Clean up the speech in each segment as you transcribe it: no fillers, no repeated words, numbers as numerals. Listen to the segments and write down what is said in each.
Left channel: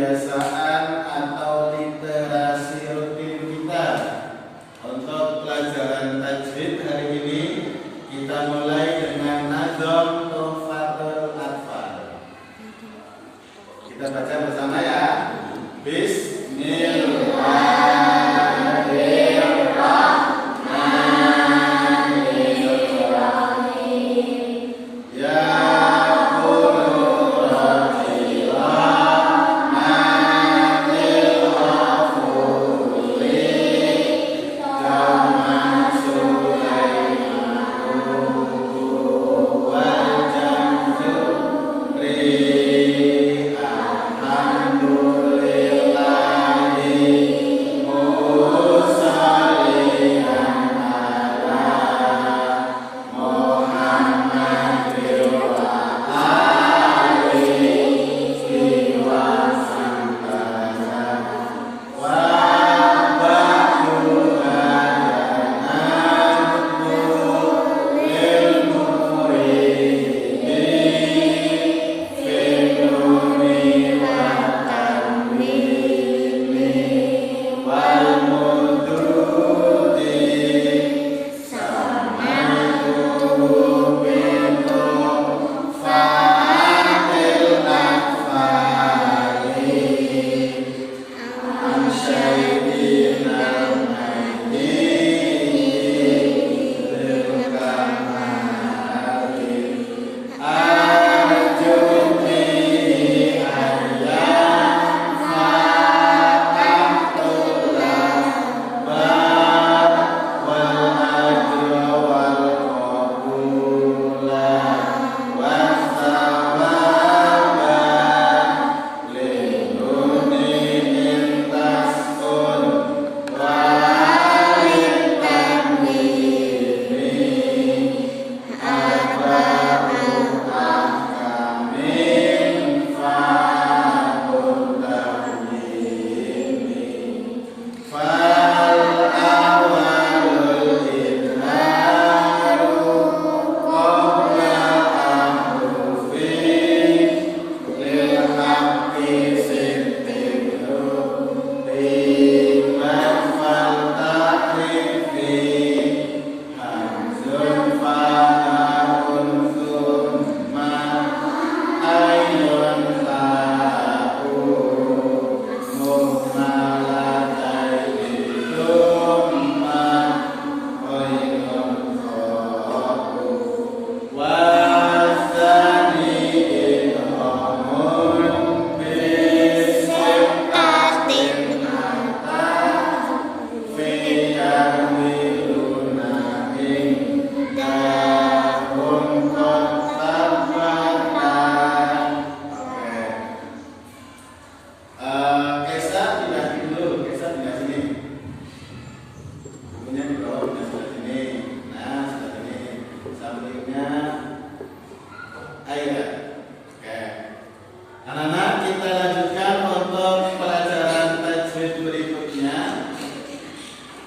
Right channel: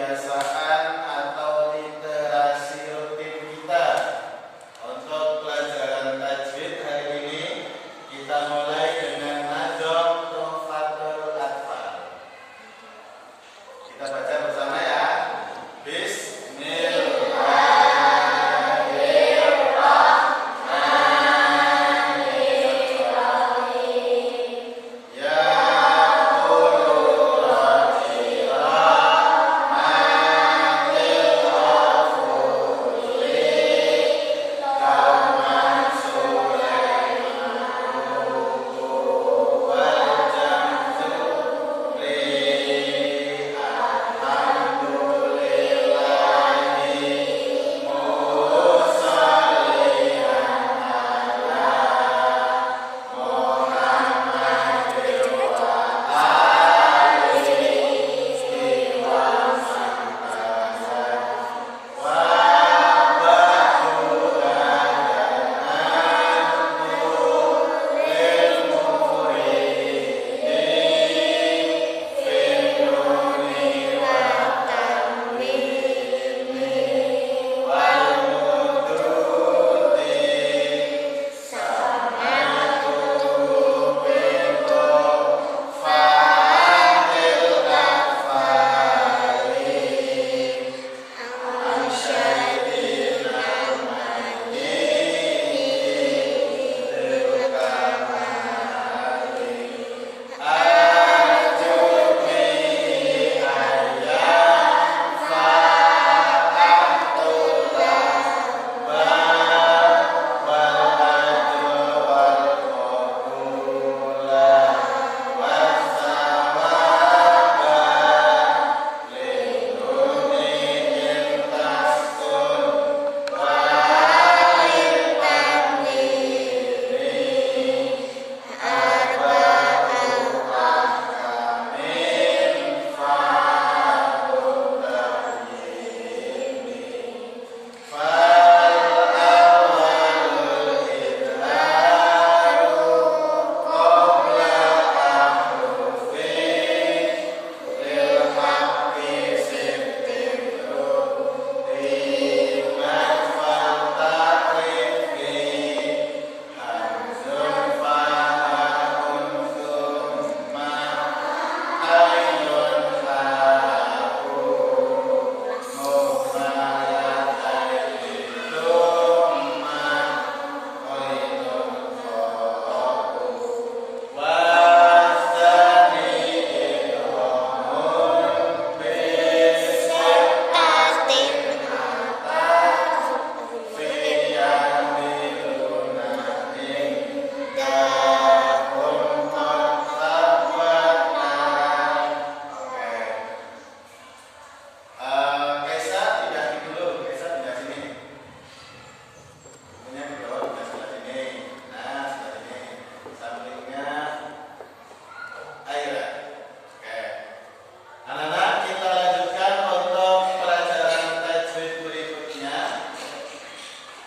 kebiasaan atau literasi rutin kita. Untuk pelajaran tajwid hari ini kita mulai dengan Nazm Tuhfatul Atfal. Kita baca bersama ya.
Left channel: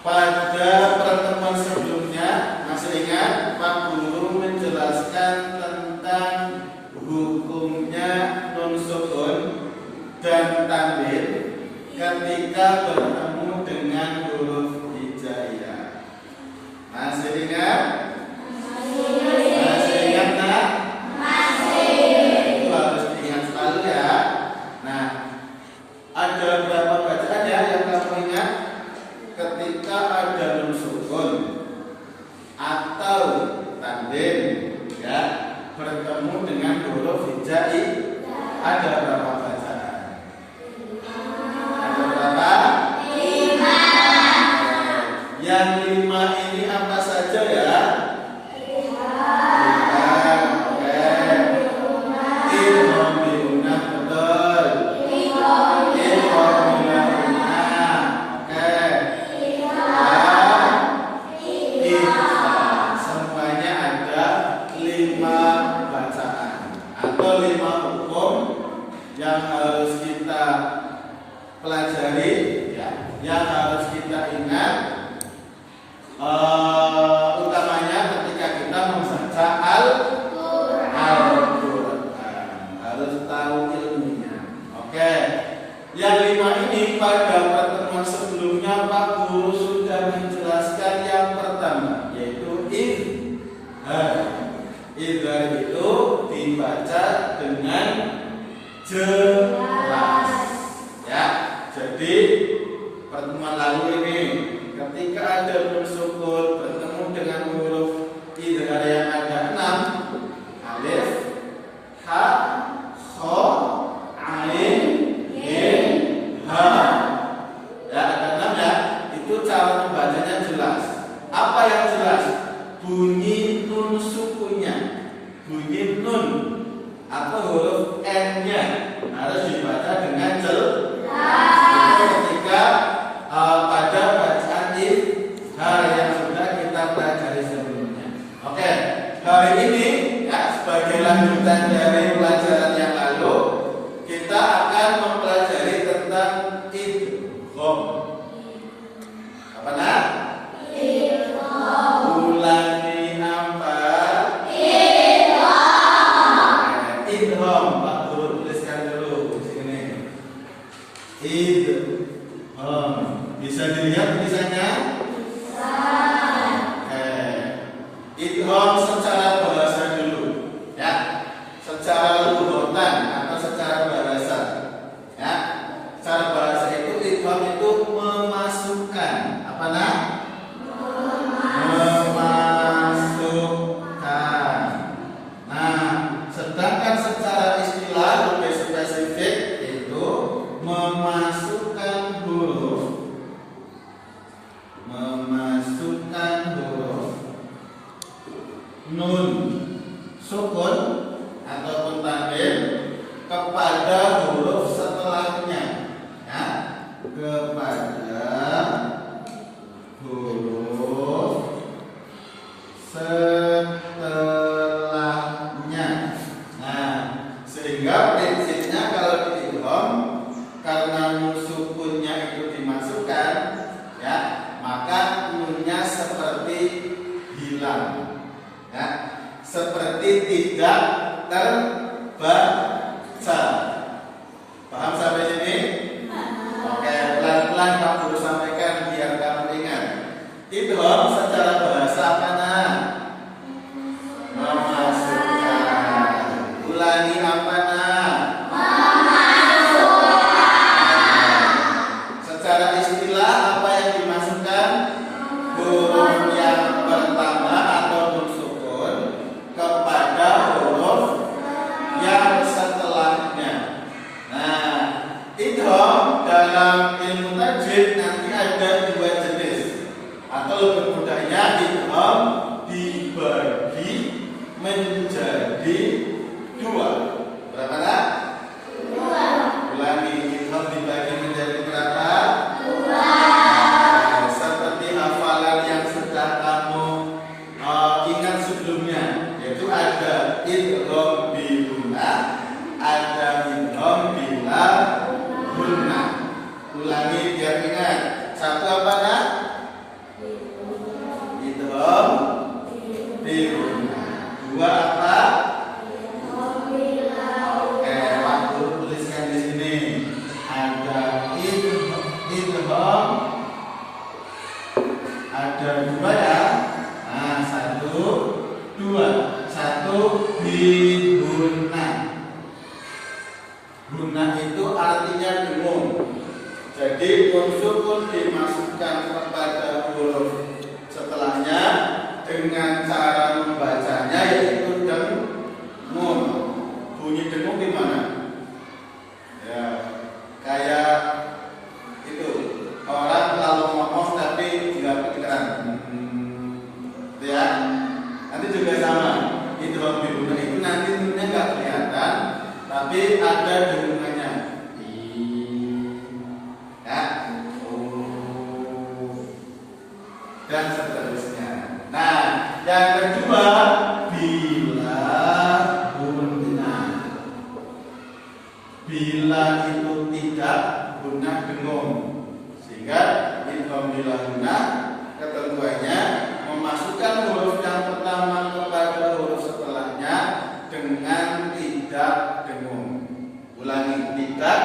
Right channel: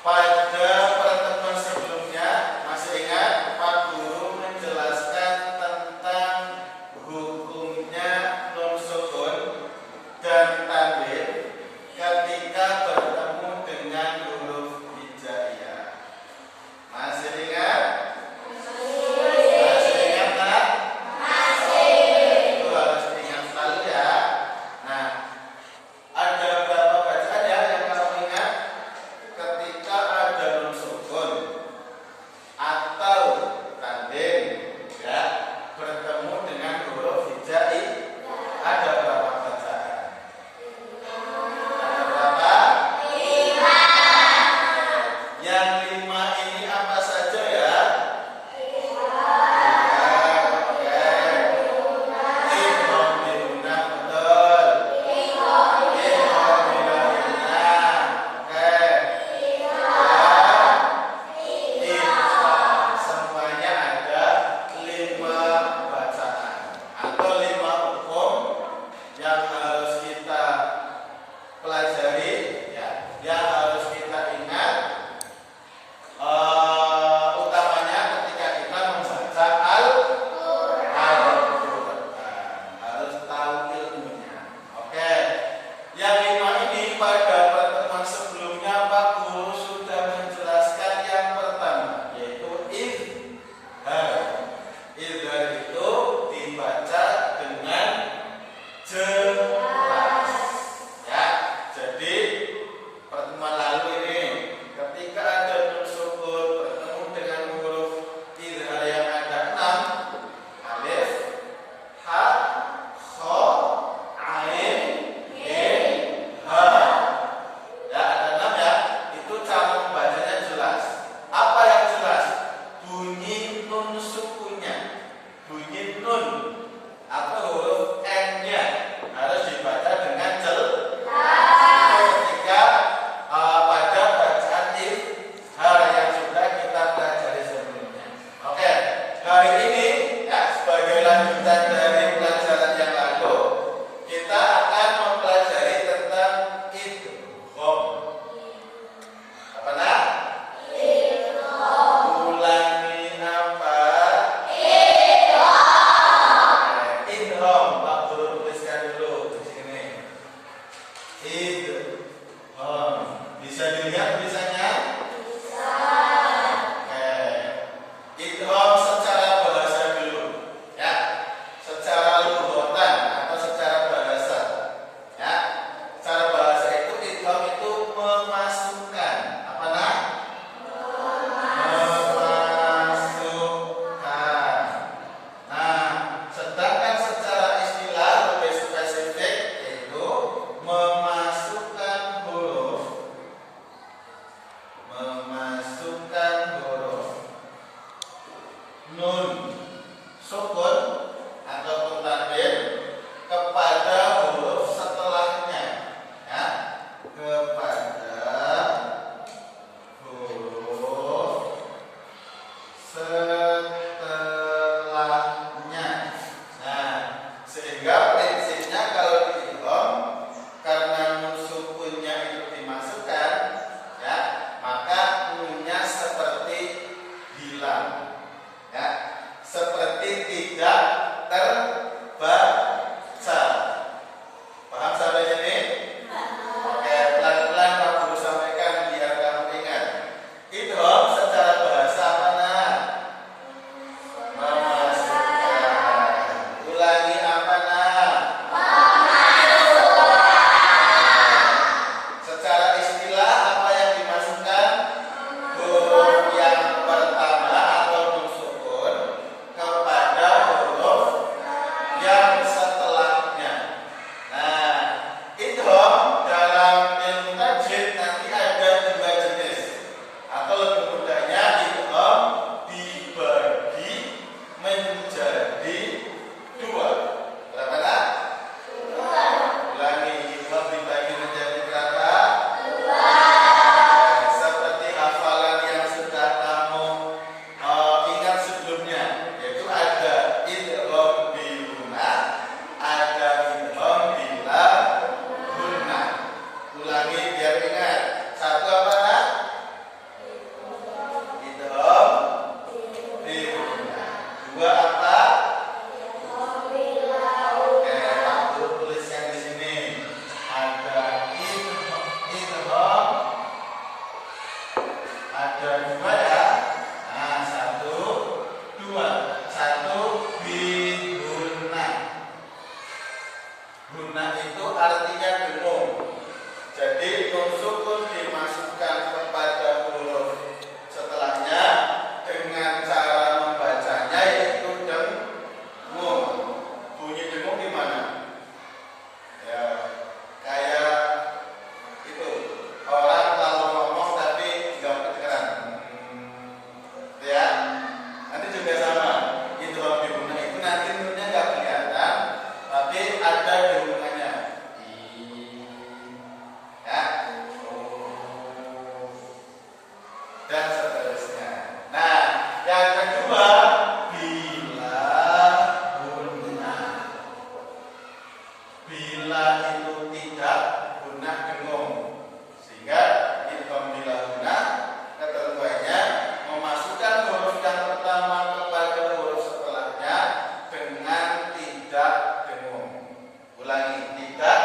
Pada pertemuan sebelumnya, masih ingat Pak Guru menjelaskan tentang hukumnya nun sukun dan tanwin ketika bertemu dengan huruf hijaiyah. Masih ingat? Masih ingat kan? Masih. Itu harus diingat selalu ya. Nah, ada berapa bacaan ya yang kamu ingat? Ketika ada nun sukun atau tanwin ya bertemu dengan huruf hijaiyah, ada berapa bacaan? Ada berapa? 5. Yang 5 ini apa saja ya? Yang harus kita pelajari ya, yang harus kita ingat utamanya ketika kita membaca Al-Quran harus tahu ilmunya. Oke. Yang 5 ini pada pertemuan sebelumnya Pak Guru sudah menjelaskan yang pertama, yaitu idhar. Idhar itu dibaca dengan jelas. Ya, jadi pertemuan lalu ini ketika ada nun sukun bertemu dengan huruf idhar yang ada 6, alif, ha, kha, ain, ha. Ya, ada 6 ya. Itu cara membacanya jelas. Apa yang jelas? Bunyi nun sukunnya. Bunyi nun atau huruf N-nya harus dibaca dengan jelas. Ketika pada bacaan idhar yang sudah kita pelajari sebelumnya. Oke, hari ini ya, sebagai lanjutan dari pelajaran yang lalu, kita akan mempelajari tentang idgham. Apa nak? Idgham. Ulangi apa? Idgham. Idgham. Pak Guru tuliskan dulu di sini. Idgham. Bisa dilihat tulisannya? Bisa. Idgham secara bahasa dulu, ya. Secara lughatan atau secara bahasa, ya. Secara bahasa itu idgham itu memasukkan. Apa nak? Memasukkan. Nah, sedangkan secara istilah lebih spesifik itu memasukkan huruf nun sukun ataupun tanwin kepada huruf setelahnya, ya, kepada huruf setelahnya. Nah, sehingga prinsipnya kalau di idgham, karena nun sukunnya itu dimasukkan, ya, maka nunnya seperti hilang, ya, seperti tidak terbaca. Paham sampai sini? Oke, pelan-pelan Pak Guru sampaikan biar kamu ingat. Idgham secara bahasa apa nak? Memasukkan. Ulangi apa nak? Secara istilah apa yang dimasukkan? Huruf yang pertama atau nun sukun kepada huruf yang setelahnya. Nah, idgham dalam ilmu tajwid nanti ada 2 jenis, atau lebih mudahnya idgham dibagi menjadi 2. Berapa nak? 2. Ulangi, idgham dibagi menjadi berapa? 2. Seperti hafalan yang sudah kamu ingat sebelumnya, yaitu ada idgham bi gunnah, ada idgham bila gunnah. Ulangi biar ingat. Satu apa nak? Idgham bi gunnah. 2 apa? Oke, aku tuliskan di sini. Ada idgham, ada 2 ya. Nah, 1, 2. 1 bi gunnah. Gunnah itu artinya dengung. Jadi nun sukun dimasukkan kepada huruf setelahnya dengan cara membacanya yaitu dengung. Bunyi dengung di mana? Ya, kayak itu orang kalau ngomong tapi nggak kedengeran. Ya, nanti juga sama. Idgham bi gunnah itu nanti nunnya nggak kelihatan, tapi ada dengungannya. Ya, dan seterusnya. Nah, yang kedua bila gunnah. Bila itu tidak, gunnah dengung. Sehingga idgham bila gunnah ketentuannya memasukkan huruf yang pertama kepada huruf setelahnya dengan tidak dengung. Ulangi, tidak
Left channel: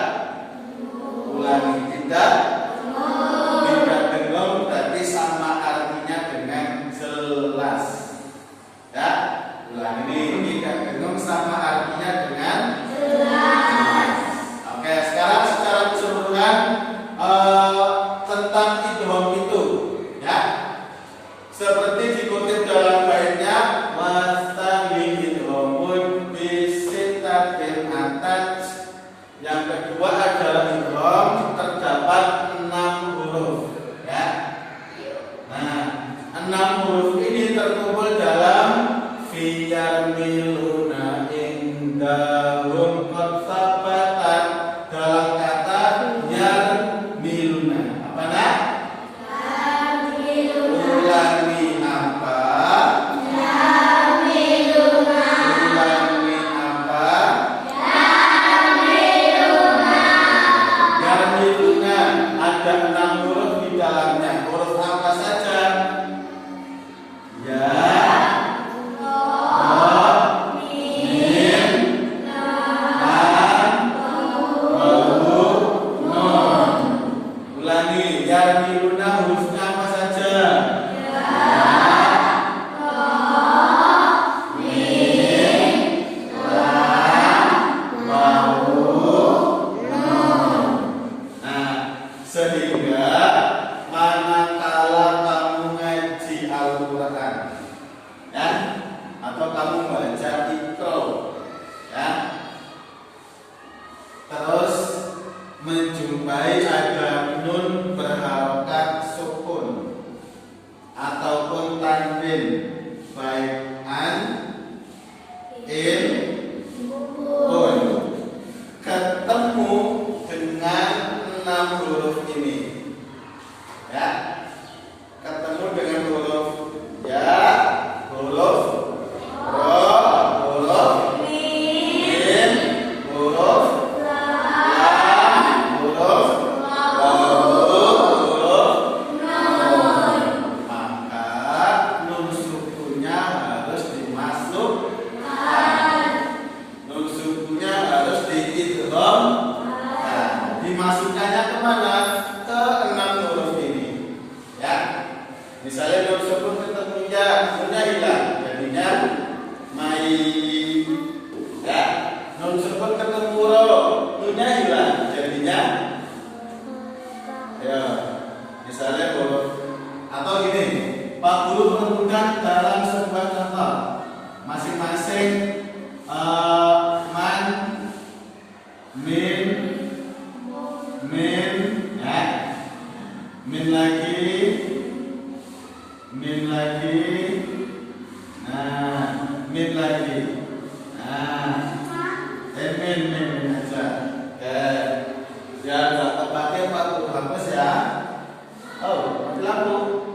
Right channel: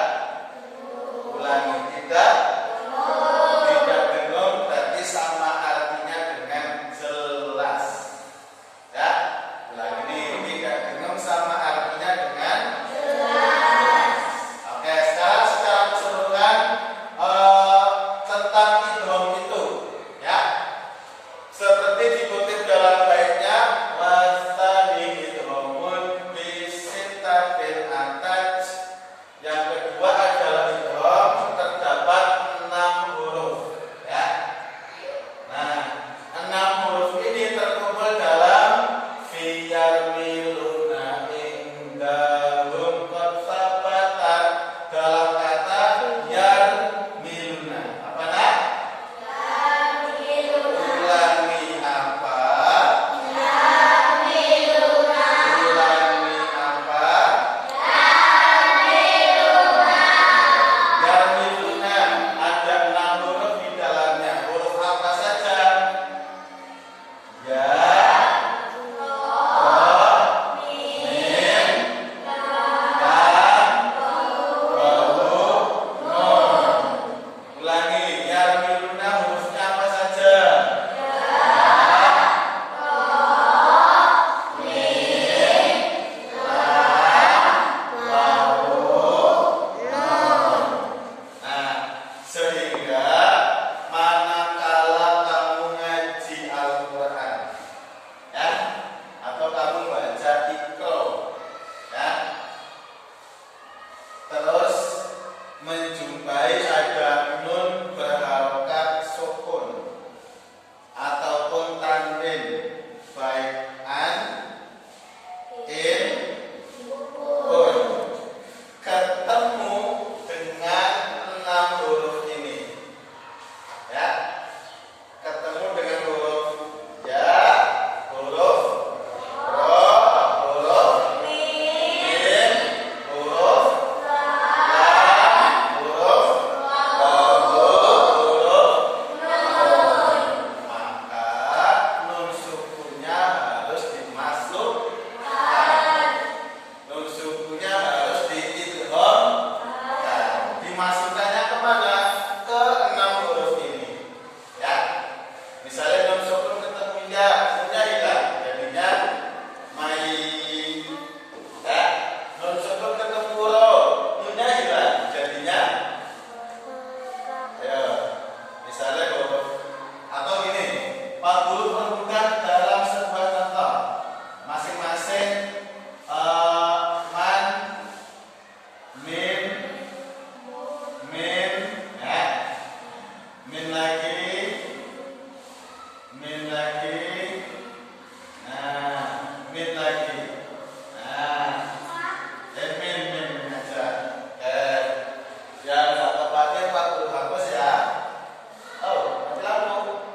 dimasukkannya kemana? Ke 6 huruf ini. Ya. Misalnya dalam sukun ketemu ya, sudah hilang. Jadinya mai. Ya. Dalam sukun ketemu ro, sudah hilang. Jadinya ya. Misalnya huruf atau gini, Pak Guru menemukan dalam sebuah contoh masing-masing man, min, ya, min lagi, nah, min lagi, nah, min aja, ya nggak tepatnya Pak Guru hapus ya. Oh, mati lampu.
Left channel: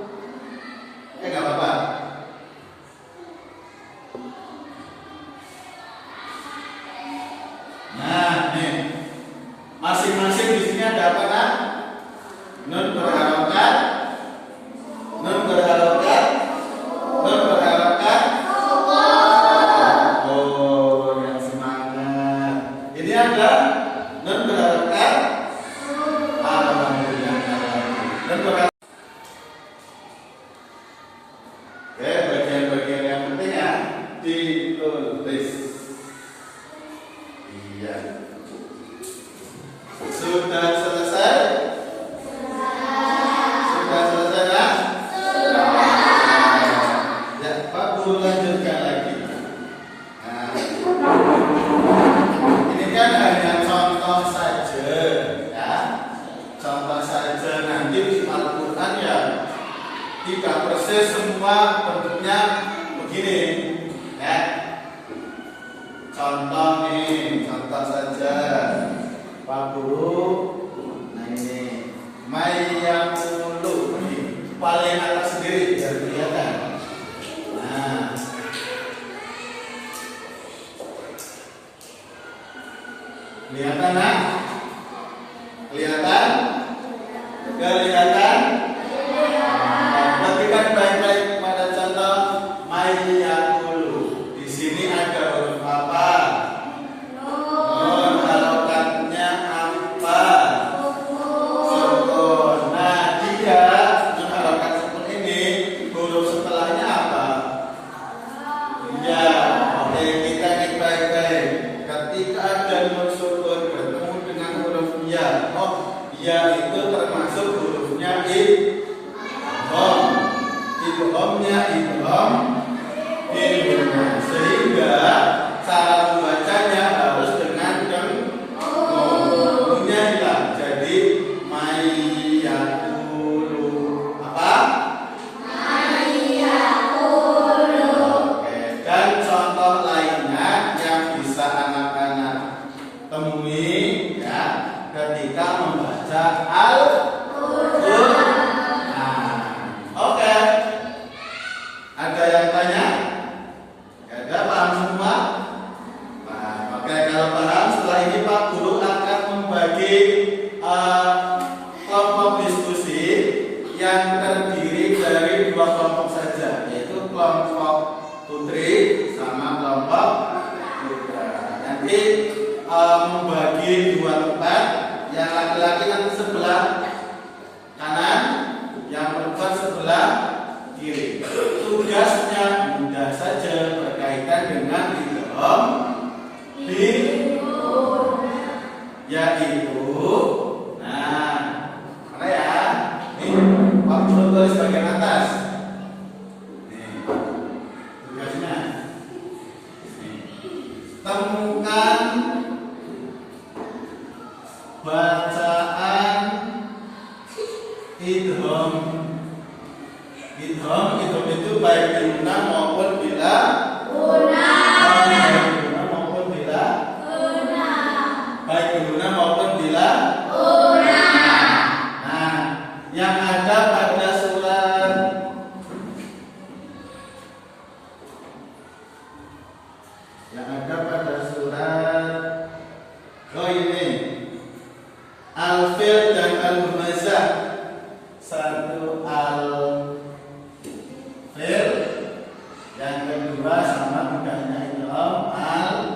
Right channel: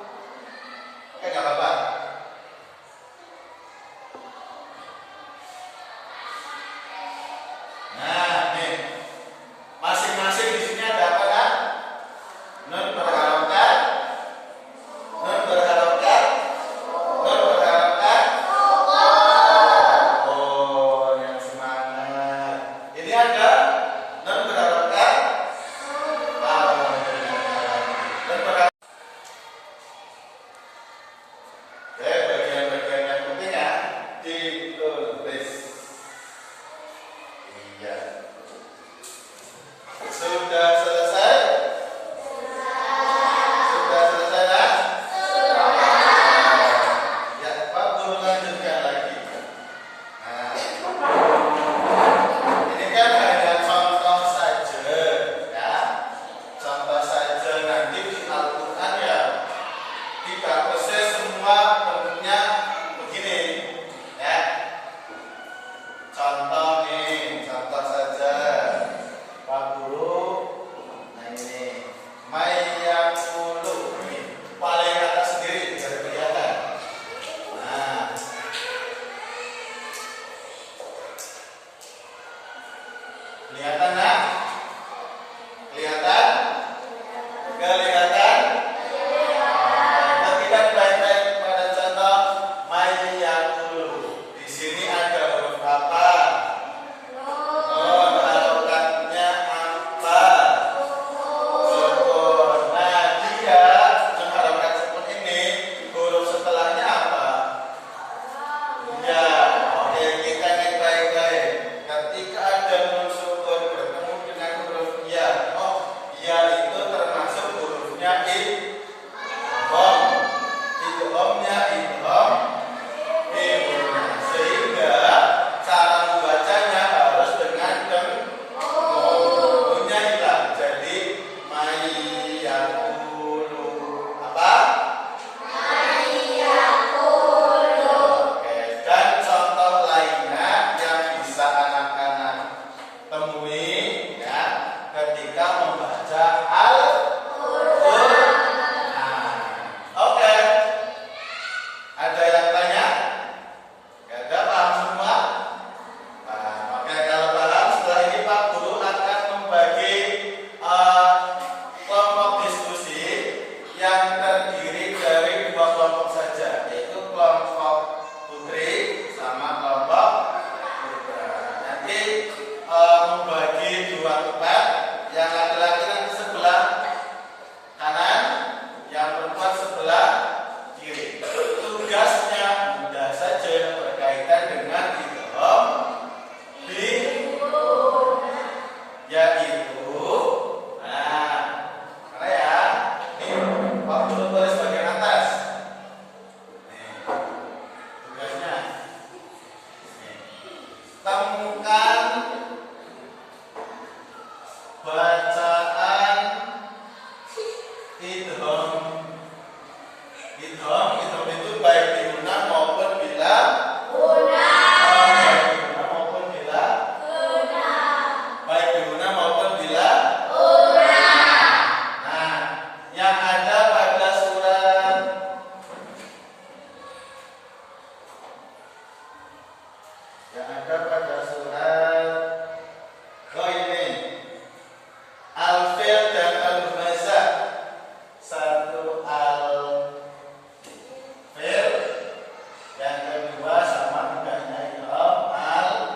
Nggak apa-apa. Nah, nih. Masing-masing di sini ada apa, Nak? Nun berharapkan. Oh, yang semangat. Ini ada nun berharapkan. Alhamdulillah. Nun berharapkan. Oke, bagian-bagian yang penting ya ditulis. Iya. Sudah selesai? Sudah selesai ya? Ya, Pak Guru lanjutkan lagi. Nah, ini kan hanya contoh saja, ya. Contoh saja, nanti di Al-Quran ya tidak persis semua bentuknya begini, ya. Contoh nih, contoh saja. Pak Guru, nah ini mayakulu, ini paling atas sendiri biar kelihatan. Nah, kelihatan nak? Kelihatan? Kelihatan? Perhatikan baik-baik pada contoh mayakulu. Di sini ada huruf apa? Harokatnya apa? Sukun. Nah, dia mengharapkan sukun ini huruf setelahnya apa? Ya, oke, kita cek baik-baik. Ketika ada nun sukun bertemu dengan huruf ya, ya itu termasuk hurufnya idgham. Idghamnya idgham bihuna. Sehingga cara membacanya harus dengan nunnya hilang. Jadi mayakulu apa? Oke, dan contoh lainnya yang bisa anak-anak temui ya ketika membaca Al-Qur'an. Oke. Ada yang tanya? Gak ada, paham semua? Nah, oke, kalau paham setelah ini Pak Guru akan membagi kelompok diskusi yang terdiri dari 2 kelompok saja, yaitu kelompok putri sama kelompok putra. Nanti membagi 2 tempat, yang laki-laki nanti sebelah kanan, yang perempuan sebelah kiri. Tugasnya mudah saja, berkaitan dengan idgham bihuna, yaitu mana ya? Ini Pak Guru tulis bagian atas. Ini tugasnya. Temukan bacaan idgham. Idgham itu baik di guna maupun bila guna. Maupun bila guna. Baik di guna maupun bila guna. Nah, yang ada pada surat ini Al-Fil dan Al-Humazah. Satu Al-Fil, yang kedua sama tidaknya idgham Al-Humazah.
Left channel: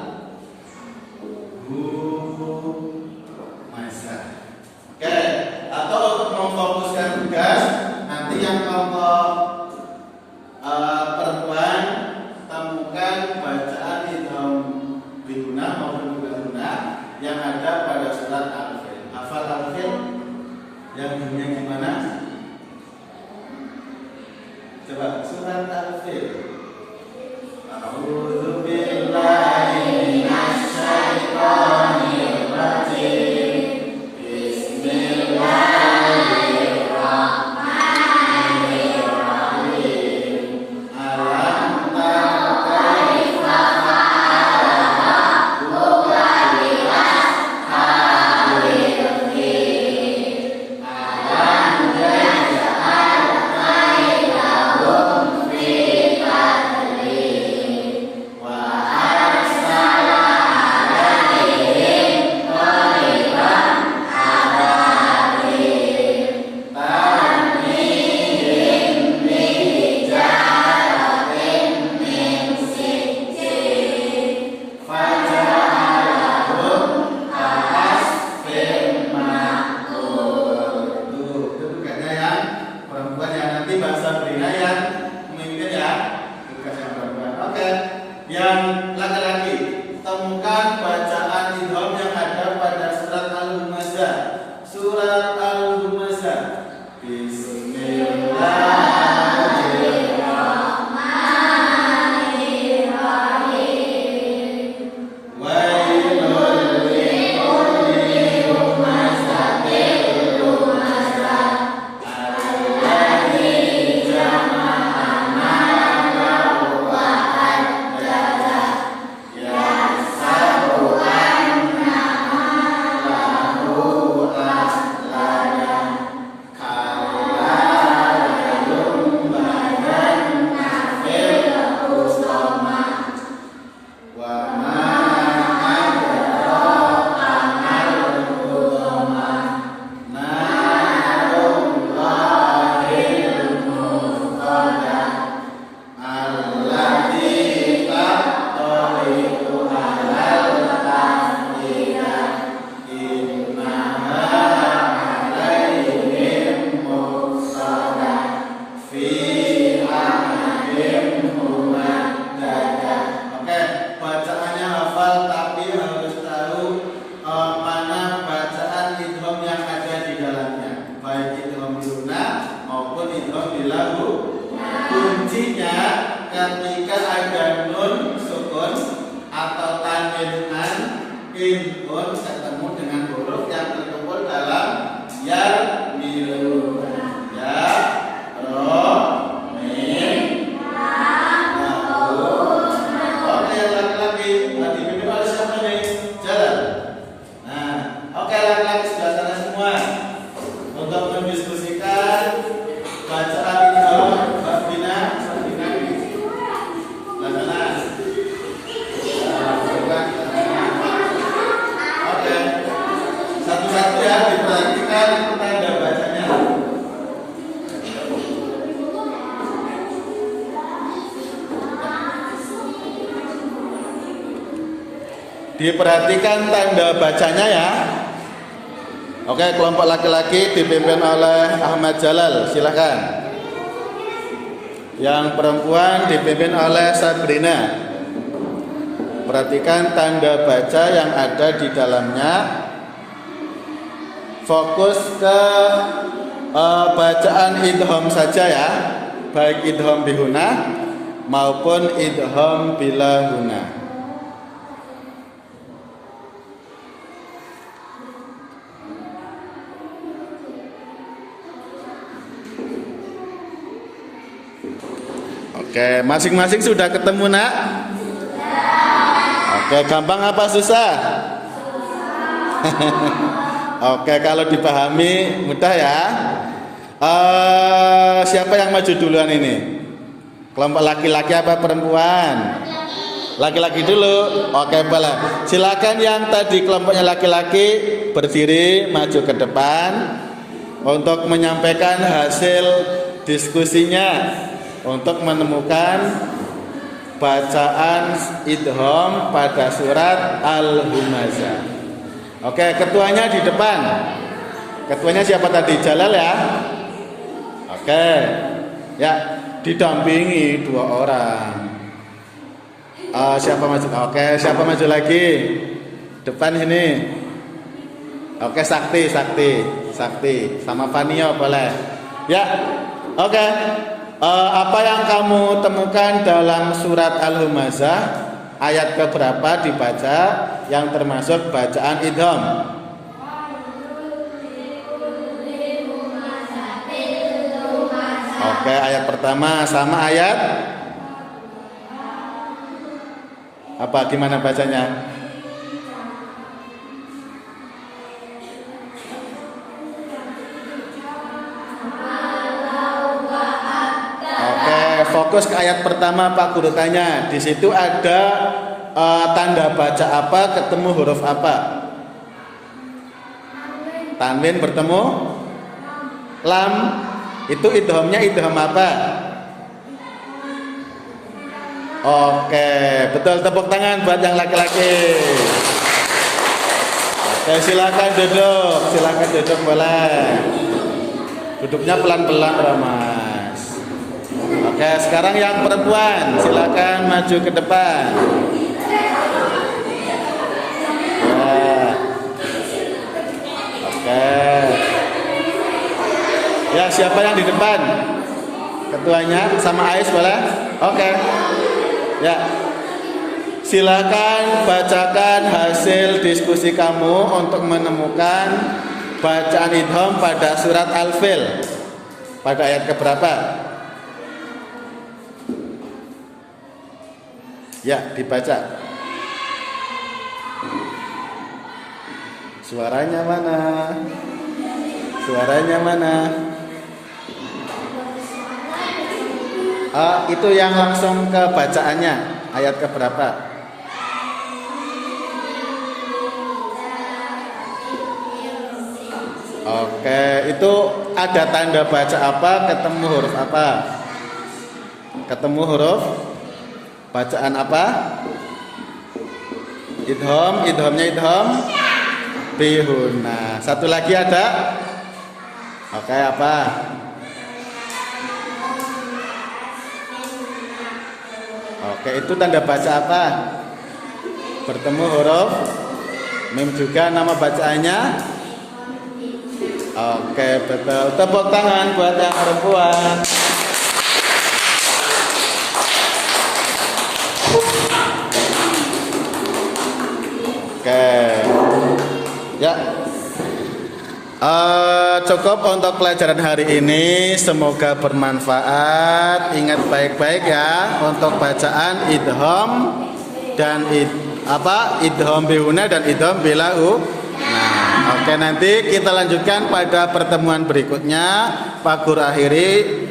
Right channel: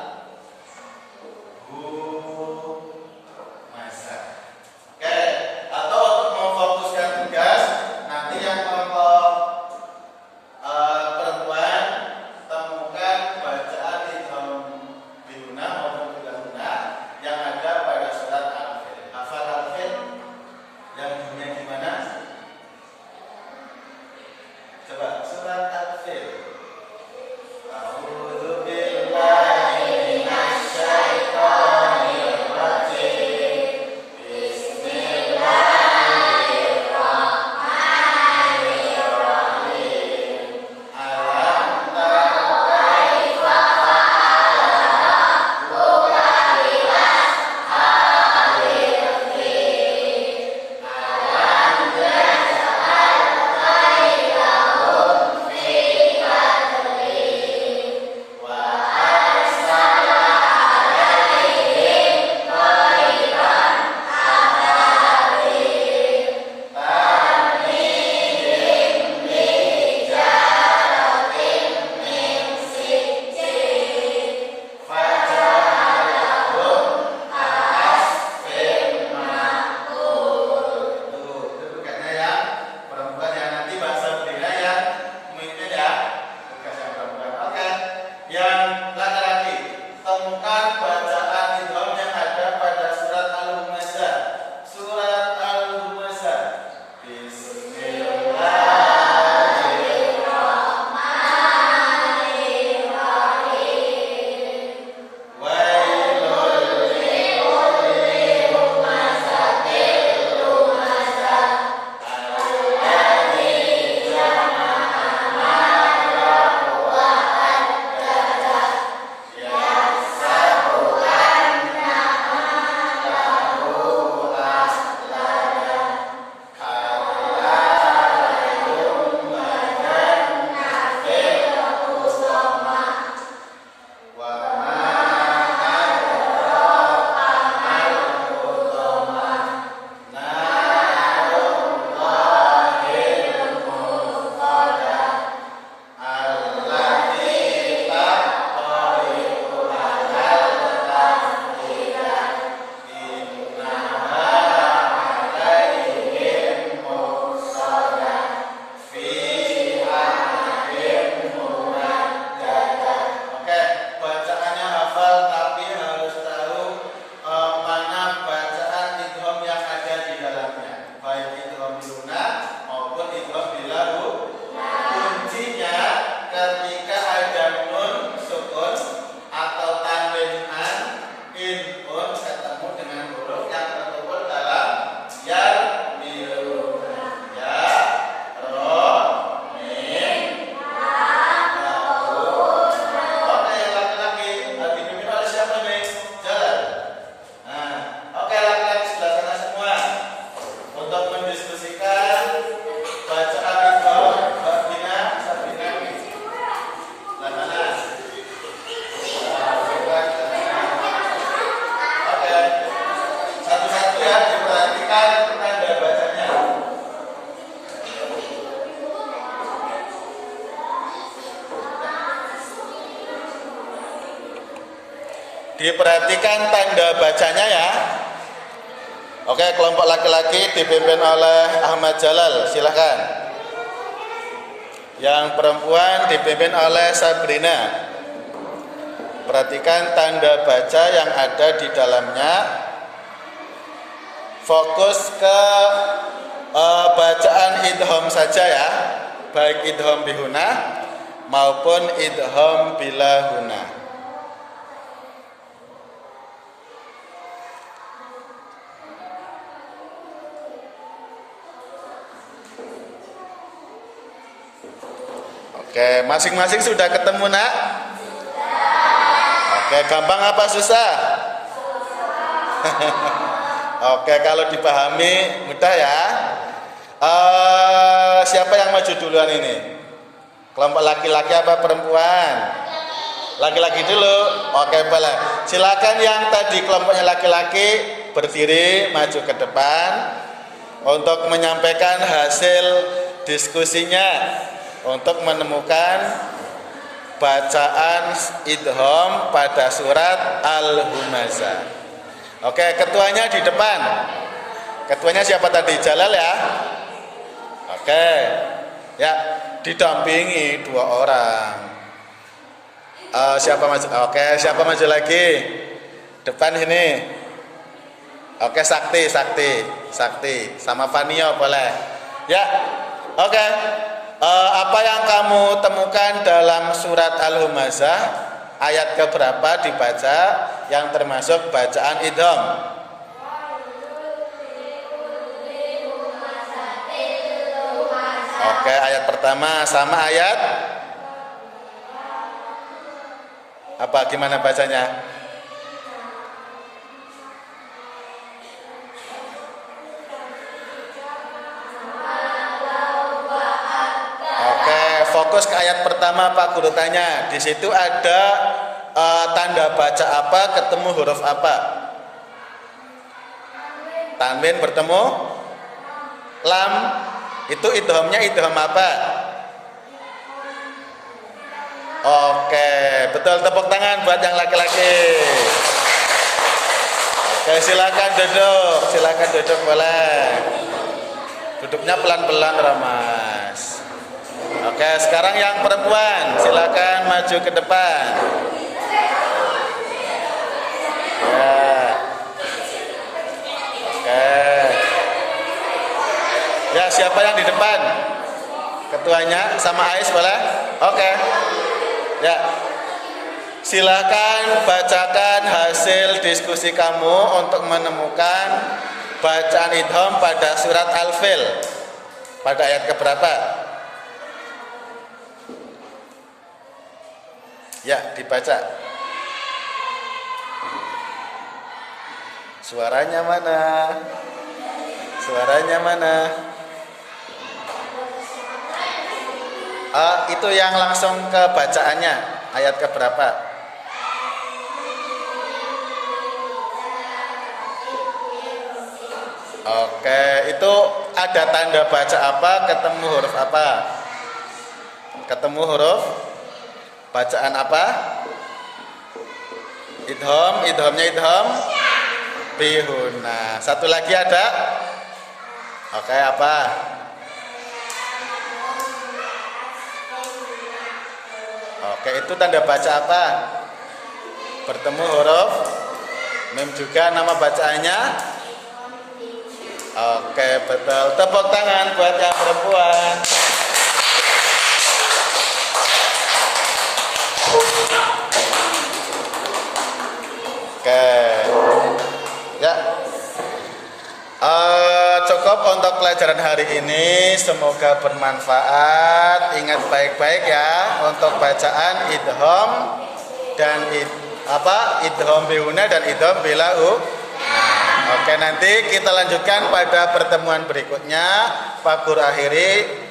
di dalamnya, baik idgham bihuna maupun idgham bilahu. Kuncinya ketika ada nun sukun atau tanwin an in un ketemu dengan huruf yang terkumpul dalam ya milu, ya ro mim lahu. Oke, laki-laki dipimpin oleh siapa nih? Jalan. Nah, oke, laki-laki sebelah sana semua untuk mendiskusikan bacaan idgham. Satu-satu ya, diperhatikan tanda bacanya. Diperhatikan tanda bacanya ya. Oke, kelompok laki-laki dipimpin oleh Ahmad Jalal, silahkan. Yang perempuan dipimpin oleh Sabrina. Perhatikan tanda baca yang ada di dalamnya. Fokus ke bacaan idgham saja ya, baik idgham bihuna maupun idgham bilahuna. Oke, masing-masing sudah ketemu nak? Oke, gampang apa susah? Oke, kalau dipahami mudah ya. Siapa yang maju duluan ini? Kelompok laki-laki apa perempuan? Laki-laki dulu. Oke, boleh. Silakan yang tadi kelompoknya laki-laki berdiri maju ke depan untuk menyampaikan hasil diskusinya untuk menemukan bacaan idgham pada surat Al-Humazah. Oke, ketuanya di depan. Ketuanya siapa tadi? Jalal ya. Oke. Ya, didampingi 2 orang. Siapa maju? Oke, siapa maju lagi? Depan ini. Oke, Sakti. Sama Fanio boleh. Ya. Oke. Apa yang kamu temukan dalam surat Al-Humazah? Ayat keberapa dibaca yang termasuk bacaan idgham? Oke, ayat pertama sama ayat apa? Gimana bacanya? Fokus ke ayat pertama Pak Guru tanya. Di situ ada tanda baca apa ketemu huruf apa? Tanwin bertemu lam. Itu idghamnya idgham apa? Oke, betul, tepuk tangan buat yang laki-laki. Oke, silakan duduk boleh. Duduknya pelan-pelan Ramas. Oke, sekarang yang perempuan, silakan maju ke depan. Ya. Oke. Ya, siapa yang di depan? Ketuanya sama Ais boleh? Oke. Ya. Silakan bacakan hasil diskusi kamu untuk menemukan bacaan idgham pada surat Al-Fil. Pada ayat keberapa? Ya, dibaca. Suaranya mana? Itu yang langsung ke bacaannya. Ayat keberapa? Oke, itu ada tanda baca apa? Ketemu huruf apa? Ketemu huruf bacaan apa? Idghamnya idgham bihuna. Satu lagi ada? Oke, apa? Oke, itu tanda baca apa? Bertemu huruf mim juga. Nama bacaannya? Oke, betul. Tepuk tangan buat yang perempuan. Oke. Ya. Cukup untuk pelajaran hari ini. Semoga bermanfaat. Ingat baik-baik ya untuk bacaan idgham dan idgham bihuna dan idgham bilahu. Nah, oke, nanti kita lanjutkan pada pertemuan berikutnya. Pak Guru akhiri.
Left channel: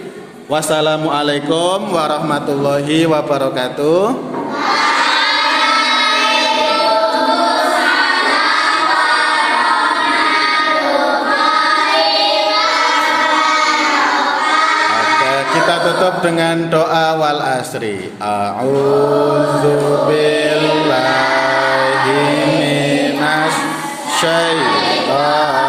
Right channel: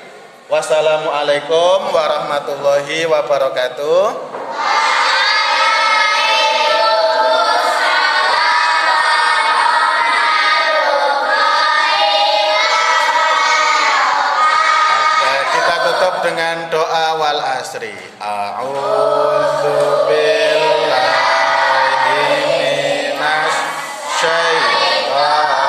Wassalamualaikum warahmatullahi wabarakatuh. Kita tutup dengan doa wal asri. A'udzu billahi minas syaitonir